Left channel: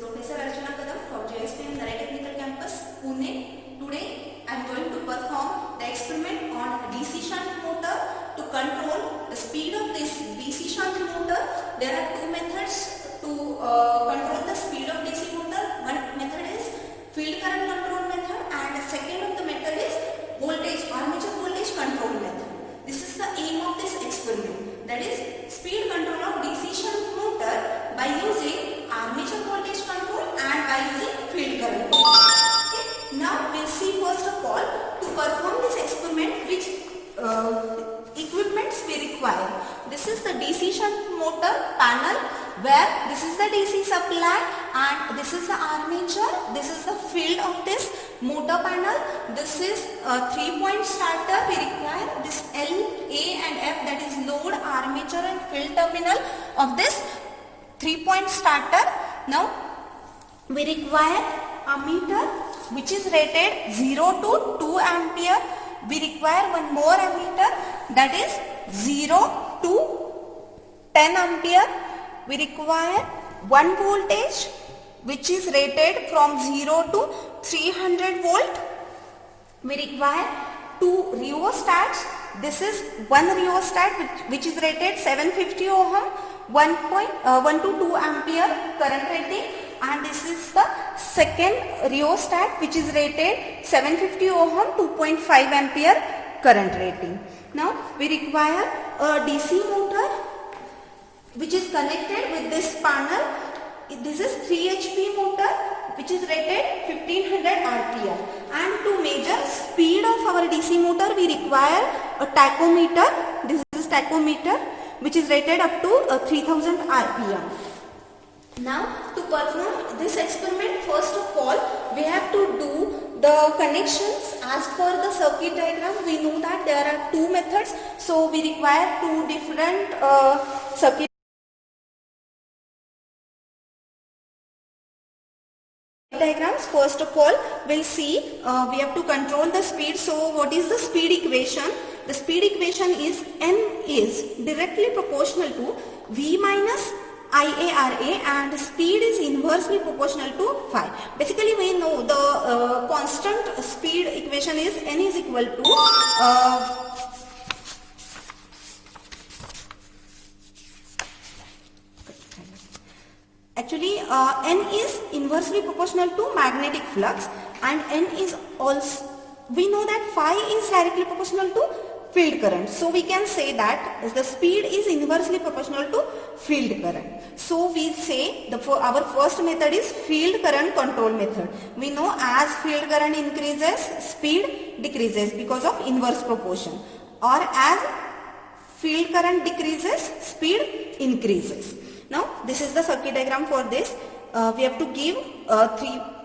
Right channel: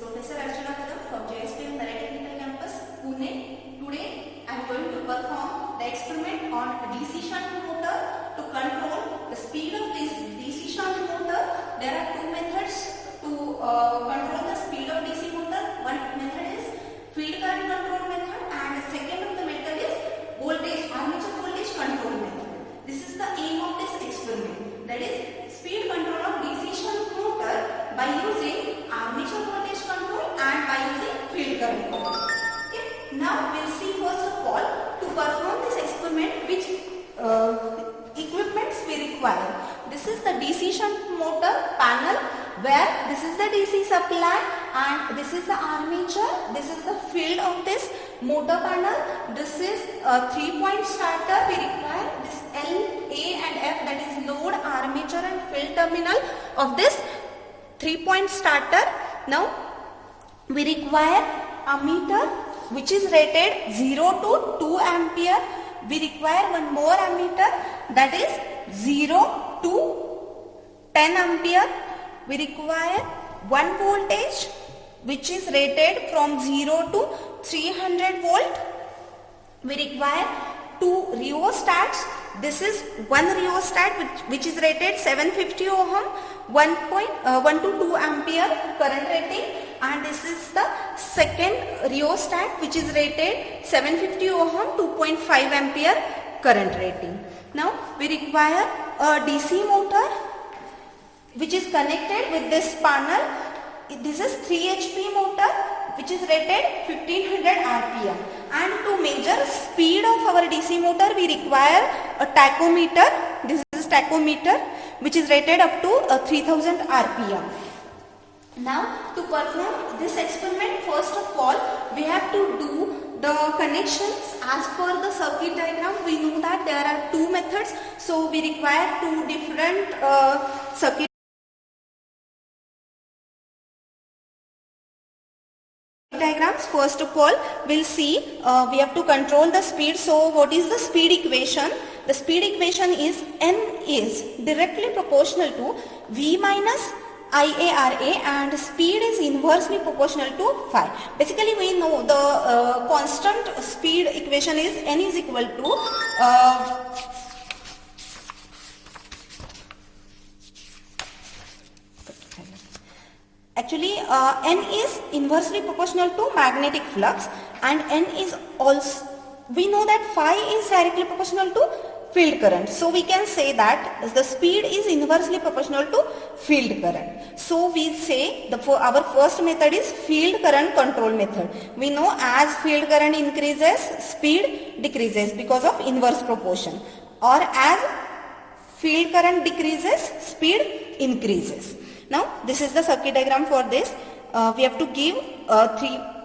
Professor Archana Kadam from JSPM Narai Technical Campus, Pune. Today I am going to perform the experiment on DC shunt motor to control the speed of this DC shunt motor. There are two methods to control the speed of DC motor. One method is field current control method and the second of the method is armature voltage control method. This is the aim of this experiment, that is speed control of DC shunt motor by using armature voltage control and by using field current. Okay. Now we will see first of all to perform this experiment which equipments we require. This is the DC shunt motor panel where this is the DC supply and this is the armature. This is the field of this motor panel. This is a 3-point starter. We require this L, A and F, that is load, armature and field terminal of this 3-point starter. Now we require ammeter which is rated 0 to 2 ampere. We require one more ammeter, that is 0 to 10 ampere. We require one voltage which is rated from 0 to 300 volt. We require two rheostats. This is one rheostat which is rated 750 ohm, 1 to 2 ampere current rating, and this is the second rheostat which is rated 750 ohm, 2.5 ampere current rating. Now we require a DC motor which is connected with this panel. This is 3 HP motor which is rated 1500 RPM, and to measure speed of our DC motor we require a tachometer. This is tachometer which is rated up to 3000 RPM. Now to perform this experiment, first of all we have to do the connections as per the circuit diagram. We know that there are two methods, so we require two different circuit diagrams. First of all we'll see we have to control the speed. So what is the speed equation? The speed equation is N is directly proportional to V minus IARA and speed is inversely proportional to phi. Basically we know the constant speed equation is N is equal to actually N is inversely proportional to magnetic flux, and N is also, we know that phi is directly proportional to field current. So we can say that the speed is inversely proportional to field current. So we say our first method is field current control method. We know as field current increases, speed decreases because of inverse proportion, or as field current decreases, speed increases. Now this is the circuit diagram for this. We have to give a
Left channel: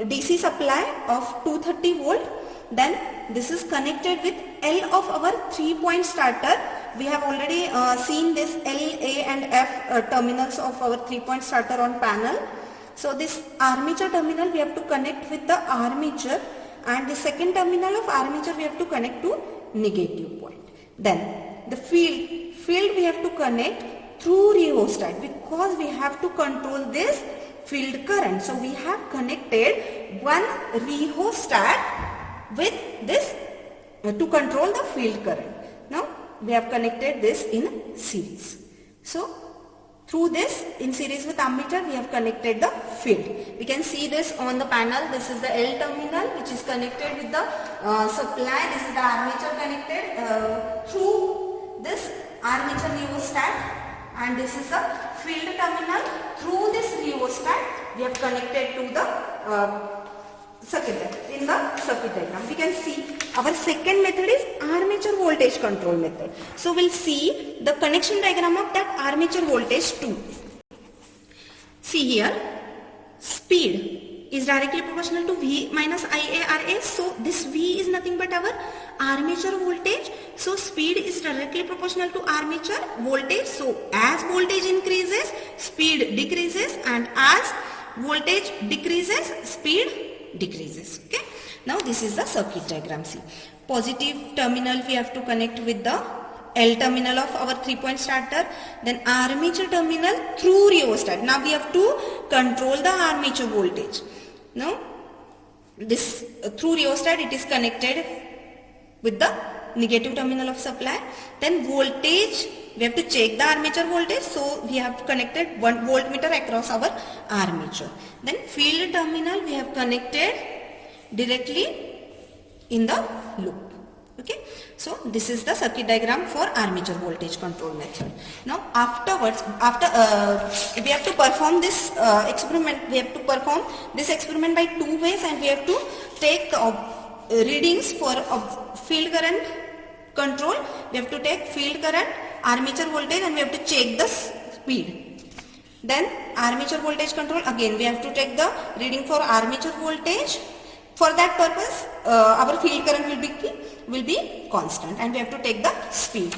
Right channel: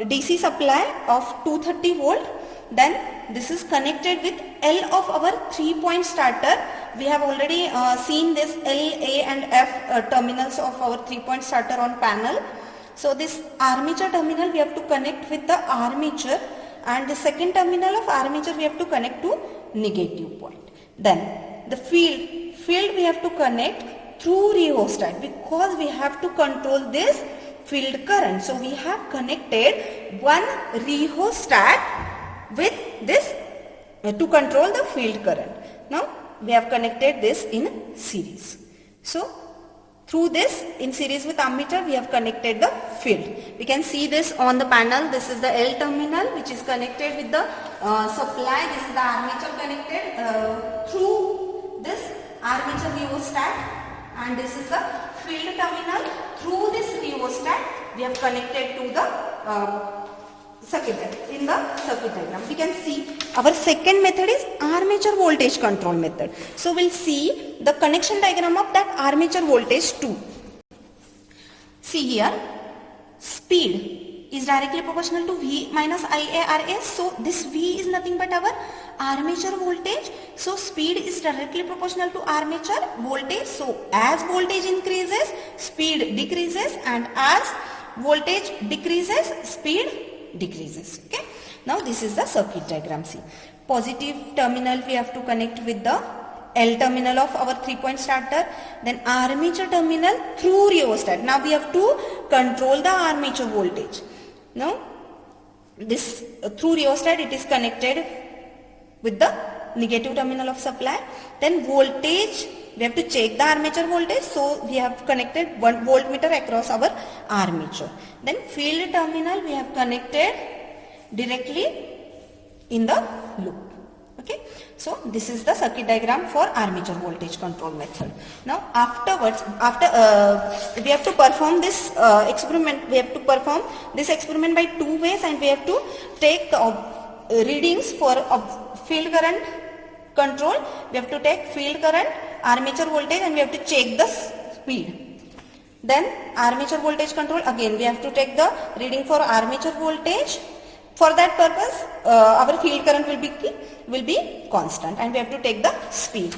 DC supply of 230 volt. Then this is connected with L of our 3-point starter. We have already seen this L, A and F terminals of our 3-point starter on panel. So this armature terminal we have to connect with the armature, and the second terminal of armature we have to connect to negative point. Then the field we have to connect through rheostat because we have to control this field current. So we have connected one rheostat with this to control the field current. Now we have connected this in series. So through this in series with ammeter we have connected the field. We can see this on the panel. This is the L terminal which is connected with the supply. This is the armature connected through this armature rheostat, and this is the field terminal. Through this rheostat we have connected to the circuit diagram. We can see our second method is armature voltage control method. So we'll see the connection diagram of that armature voltage too. See here, speed is directly proportional to V minus IARA. So this V is nothing but our armature voltage. So speed is directly proportional to armature voltage. So as voltage increases, speed decreases, and as voltage decreases, speed decreases. Okay. Now this is the circuit diagram. See, positive terminal we have to connect with the L terminal of our 3-point starter, then armature terminal through rheostat. Now we have to control the armature voltage. Now this through rheostat it is connected with the negative terminal of supply. Then voltage, we have to check the armature voltage, so we have connected 1 voltmeter across our armature. Then field terminal we have connected directly in the loop. Okay, so this is the circuit diagram for armature voltage control method. Now afterwards, we have to perform this experiment. We have to perform this experiment by 2 ways, and we have to take readings for field current control. We have to take field current, armature voltage, and we have to check the speed. Then armature voltage control, again we have to take the reading for armature voltage. For that purpose, our field current will be constant, and we have to take the speed.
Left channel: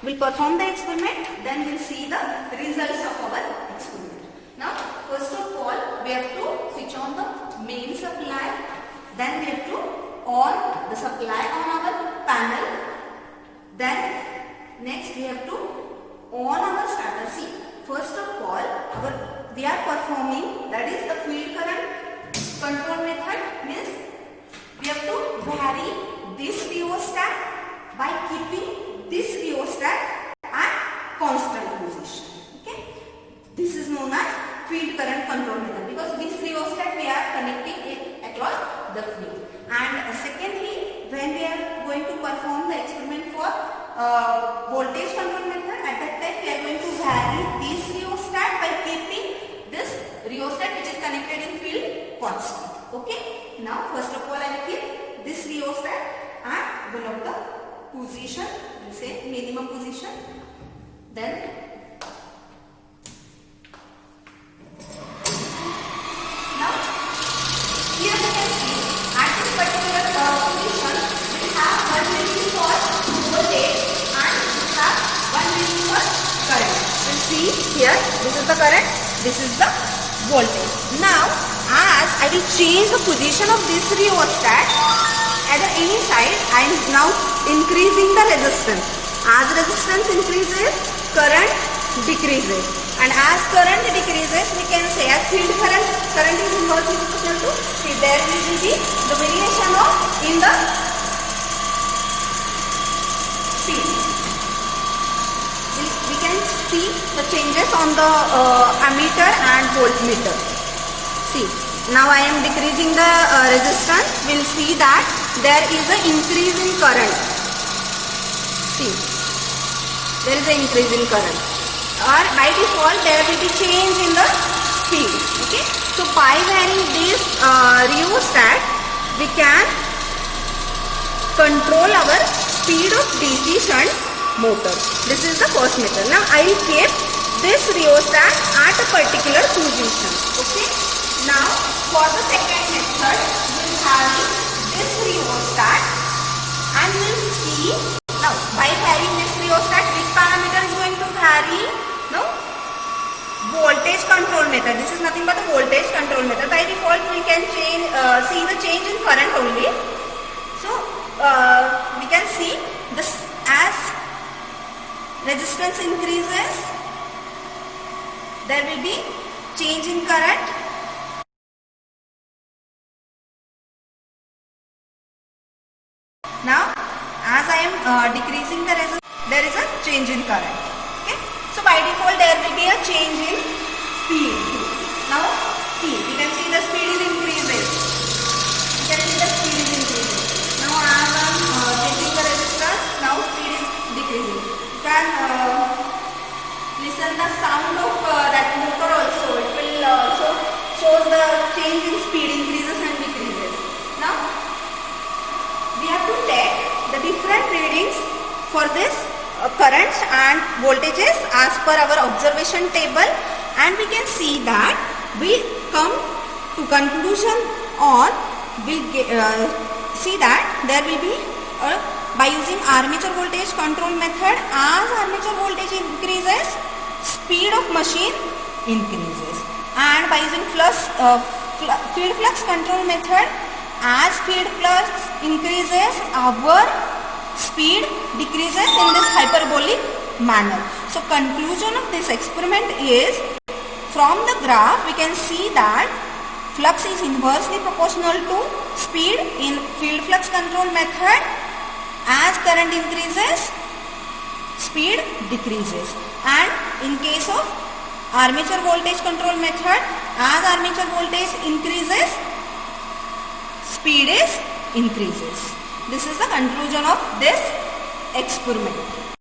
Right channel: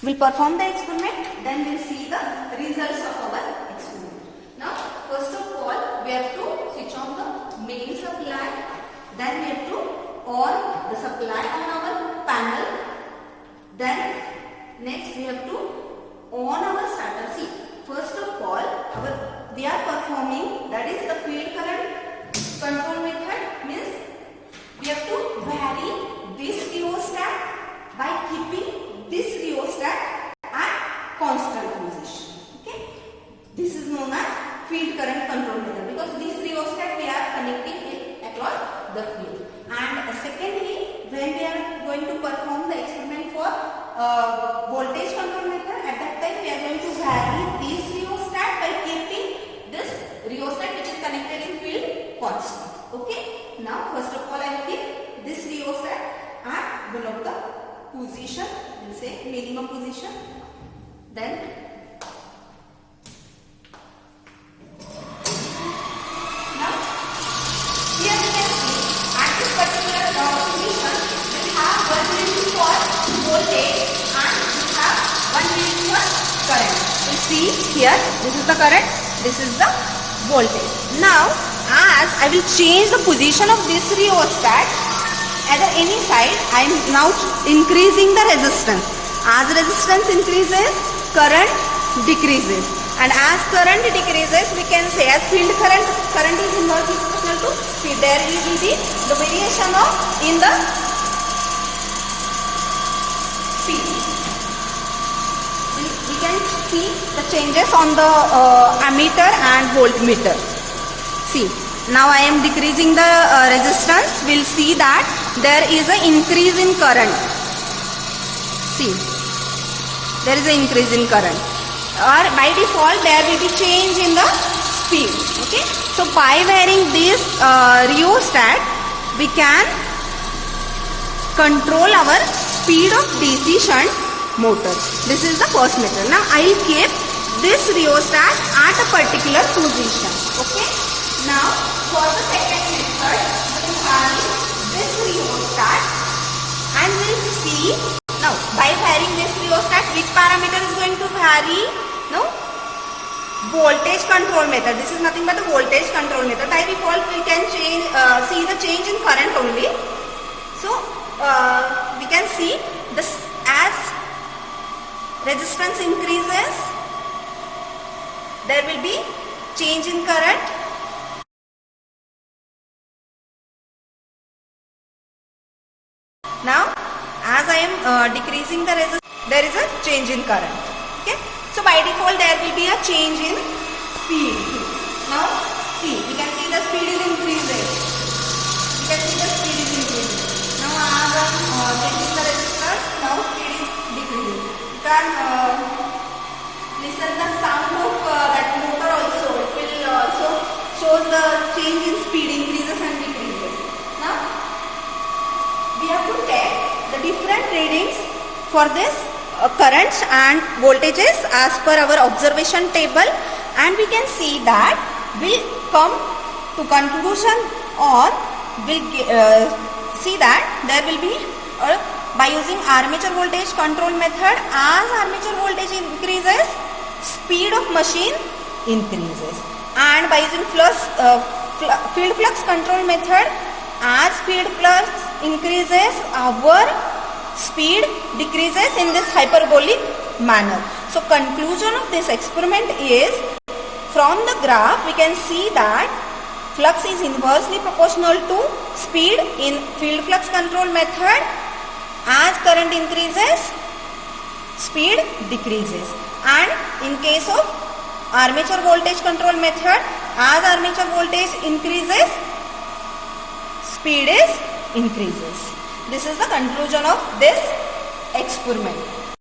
We'll perform the experiment, then we'll see the results of our experiment. Now, first of all, we have to switch on the main supply. Then we have to on the supply on our panel. Then next we have to on our starter. See, first of all, we are performing, that is the field current control method, means we have to vary this rheostat by keeping this rheostat at constant position. Okay, this is known as field current control method, because this rheostat we are connecting it across the field. And secondly, when we are going to perform the experiment for voltage control method, at that time we are going to vary this rheostat by keeping this rheostat which is connected in field constant. Okay, now first of all I will keep this rheostat at one of the position, we say minimum position. Then now here we can see at this particular position we have one reading for voltage and we have one reading for current. You see here, this is the current, this is the voltage. Now as I will change the position of this rheostat at any side, I am now increasing the resistance. As resistance increases, current decreases, and as current decreases, we can say as field current is inversely proportional to speed. There will be the variation of in the speed. We can see the changes on the ammeter and voltmeter. See, now I am decreasing the resistance. We'll see that there is an increase in current. See, there is an increase in current. Or by default, there will be change in the speed. Okay, so by varying this rheostat, we can control our speed of DC shunt motor. This is the first method. Now I will keep this rheostat at a particular position. Okay. Now for the second method, we will have this rheostat, and we will see now by varying this rheostat, which parameter is going to vary? Now voltage control method. This is nothing but a voltage control method. By default, we can change see the change in current only. So we can see this as resistance increases, there will be change in current. Now as I am decreasing the resistance, there is a change in current. Okay, so by default there will be a change in speed. Now see, you can see the speed is increasing. You can see the speed is increasing. Now as I am changing the resistance, now speed is decreasing. You can listen the sound of that motor also. It will shows the change in speed, increases and decreases. Now we have to take the different readings for this currents and voltages as per our observation table, and we can see that we come to conclusion, or we'll see that there will be by using armature voltage control method, as armature voltage increases, speed of machine increases, and by using field flux control method, as field flux increases, our speed decreases in this hyperbolic manner. So conclusion of this experiment is from the graph we can see that flux is inversely proportional to speed in field flux control method. As current increases, speed decreases, and in case of armature voltage control method, as armature voltage increases, speed is increases. This is the conclusion of this experiment.